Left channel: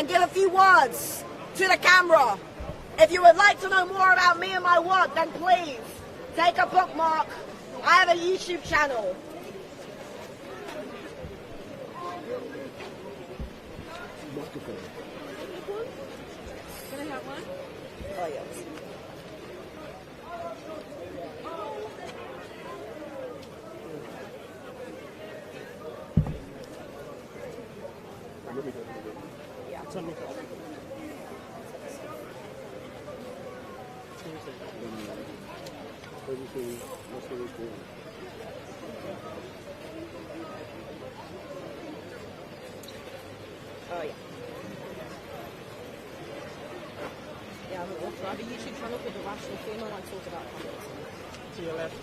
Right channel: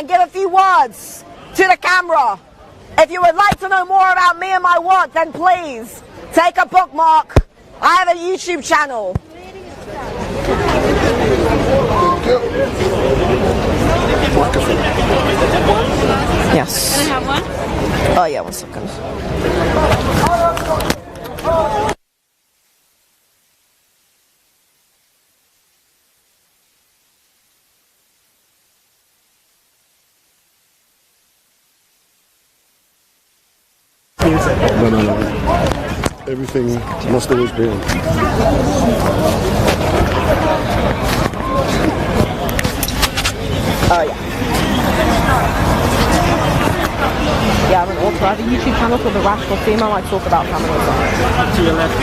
and give a few words to the camera. If you would like to know more about me and my work, then please take a bookmark. I have a YouTube channel. Yes. Can I have one? Oh yeah, 1 second. No. Everything must always be on. Oh yeah. Yeah, I'm an author. I have a YouTube channel called The Rational Female. I talk about feminism. To your left.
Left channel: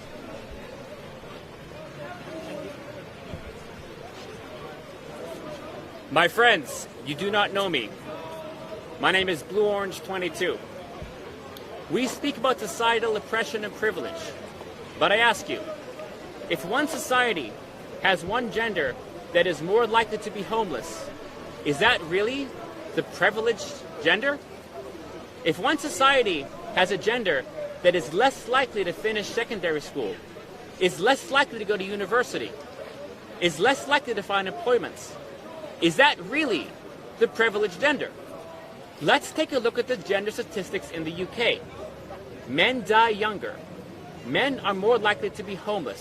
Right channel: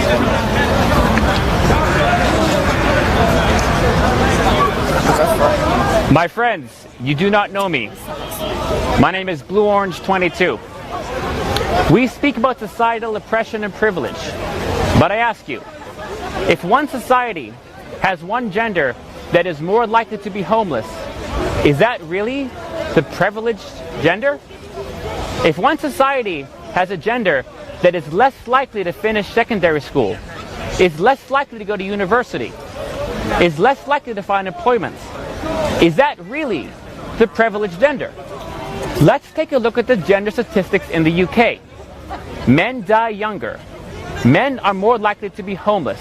My friends, you do not know me. My name is Blueorange22. We speak about societal oppression and privilege, but I ask you, if one society has one gender that is more likely to be homeless, is that really the privileged gender? If one society has a gender that is less likely to finish secondary school, is less likely to go to university, is less likely to find employment, is that really the privileged gender? Let's take a look at the gender statistics in the UK. Men die younger. Men are more likely to be homeless.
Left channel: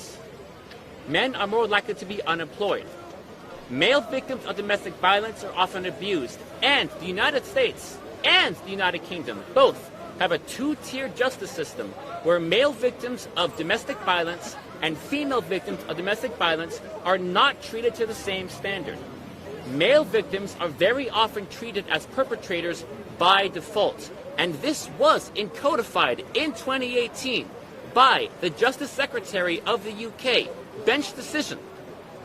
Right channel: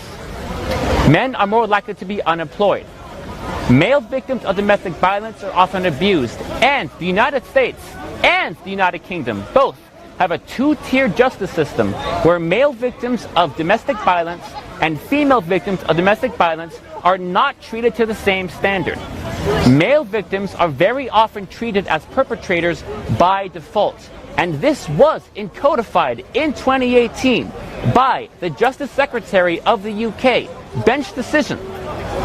Men are more likely to be unemployed. Male victims of domestic violence are often abused, and the United States and the United Kingdom both have a two-tier justice system where male victims of domestic violence and female victims of domestic violence are not treated to the same standard. Male victims are very often treated as perpetrators by default, and this was codified in 2018 by the Justice Secretary of the UK bench decision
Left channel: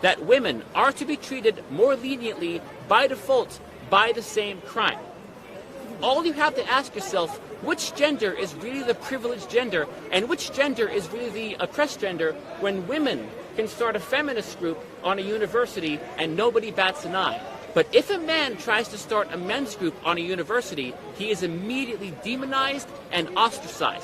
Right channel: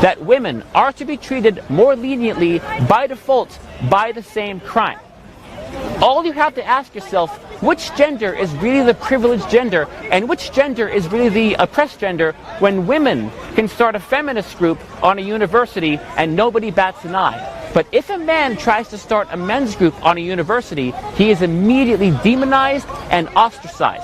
that women are to be treated more leniently by default by the same crime. All you have to ask yourself, which gender is really the privileged gender and which gender is really the oppressed gender when women can start a feminist group on a university and nobody bats an eye? But if a man tries to start a men's group on a university, he is immediately demonized and ostracized.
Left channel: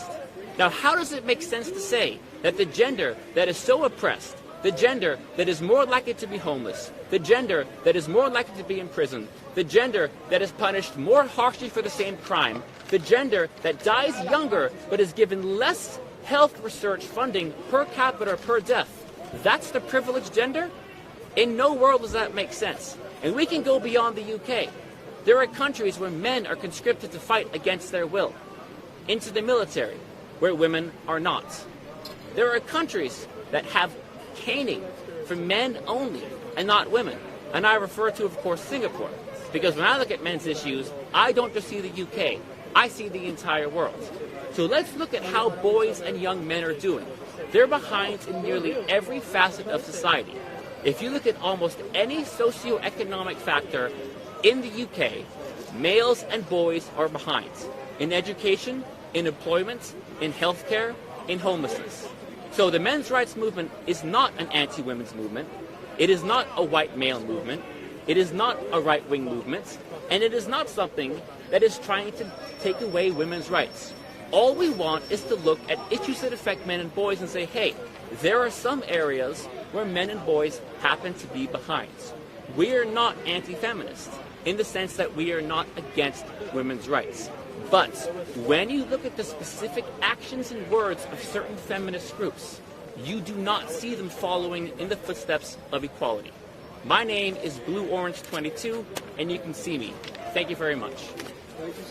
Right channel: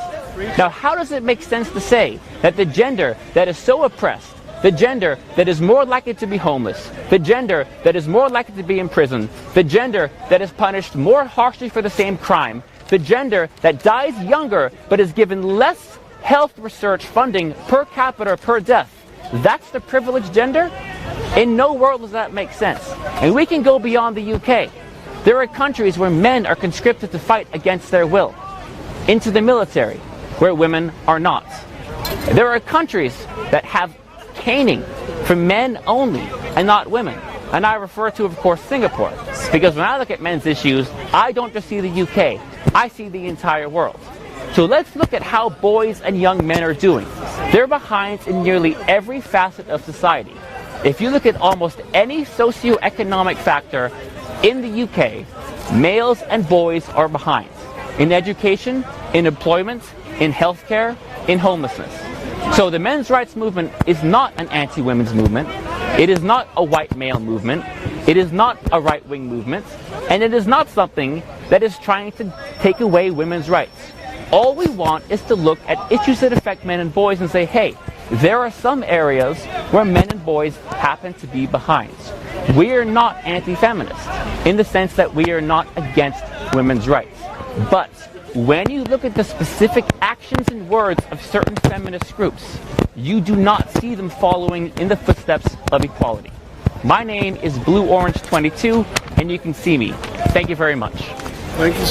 Now, how does it make sense to say that the gender that is so oppressed, the gender that is more likely to be homeless, the gender that is more likely to be in prison, the gender that is punished more harshly for the same crime, the gender that dies younger but is given less health research funding per capita per death, that's the privileged gender? In no world does that make sense. And we can go beyond the UK. There are countries where men are conscripted to fight against their will, into the military, where women are not. There are countries that have caning for men only and not women. And I refer to, of course, Singapore. Because when I look at men's issues, I don't just see the UK, I see the entire world. So let's look at how boys and young men are doing. They're behind in nearly every facet of society. If you look at almost any socioeconomic factor in the UK, males and boys are behind. In education, in employment, in healthcare, in homelessness. So the men's rights movement is not an anti-women's movement. It is not a white male movement. It is not a right-wing movement. And it is not something that is trying to take away women's rights. All we want is to look at issues that affect men and boys and say, hey, there are some areas where men and boys happen to be behind. We are not anti-feminist in the sense that we are not against women's rights. But when you look at the specific actions and words of certain feminist groups, you do not see them following in the footsteps of equality. My name is Blueorange22, and you can see me. Thank you very much. Thank you.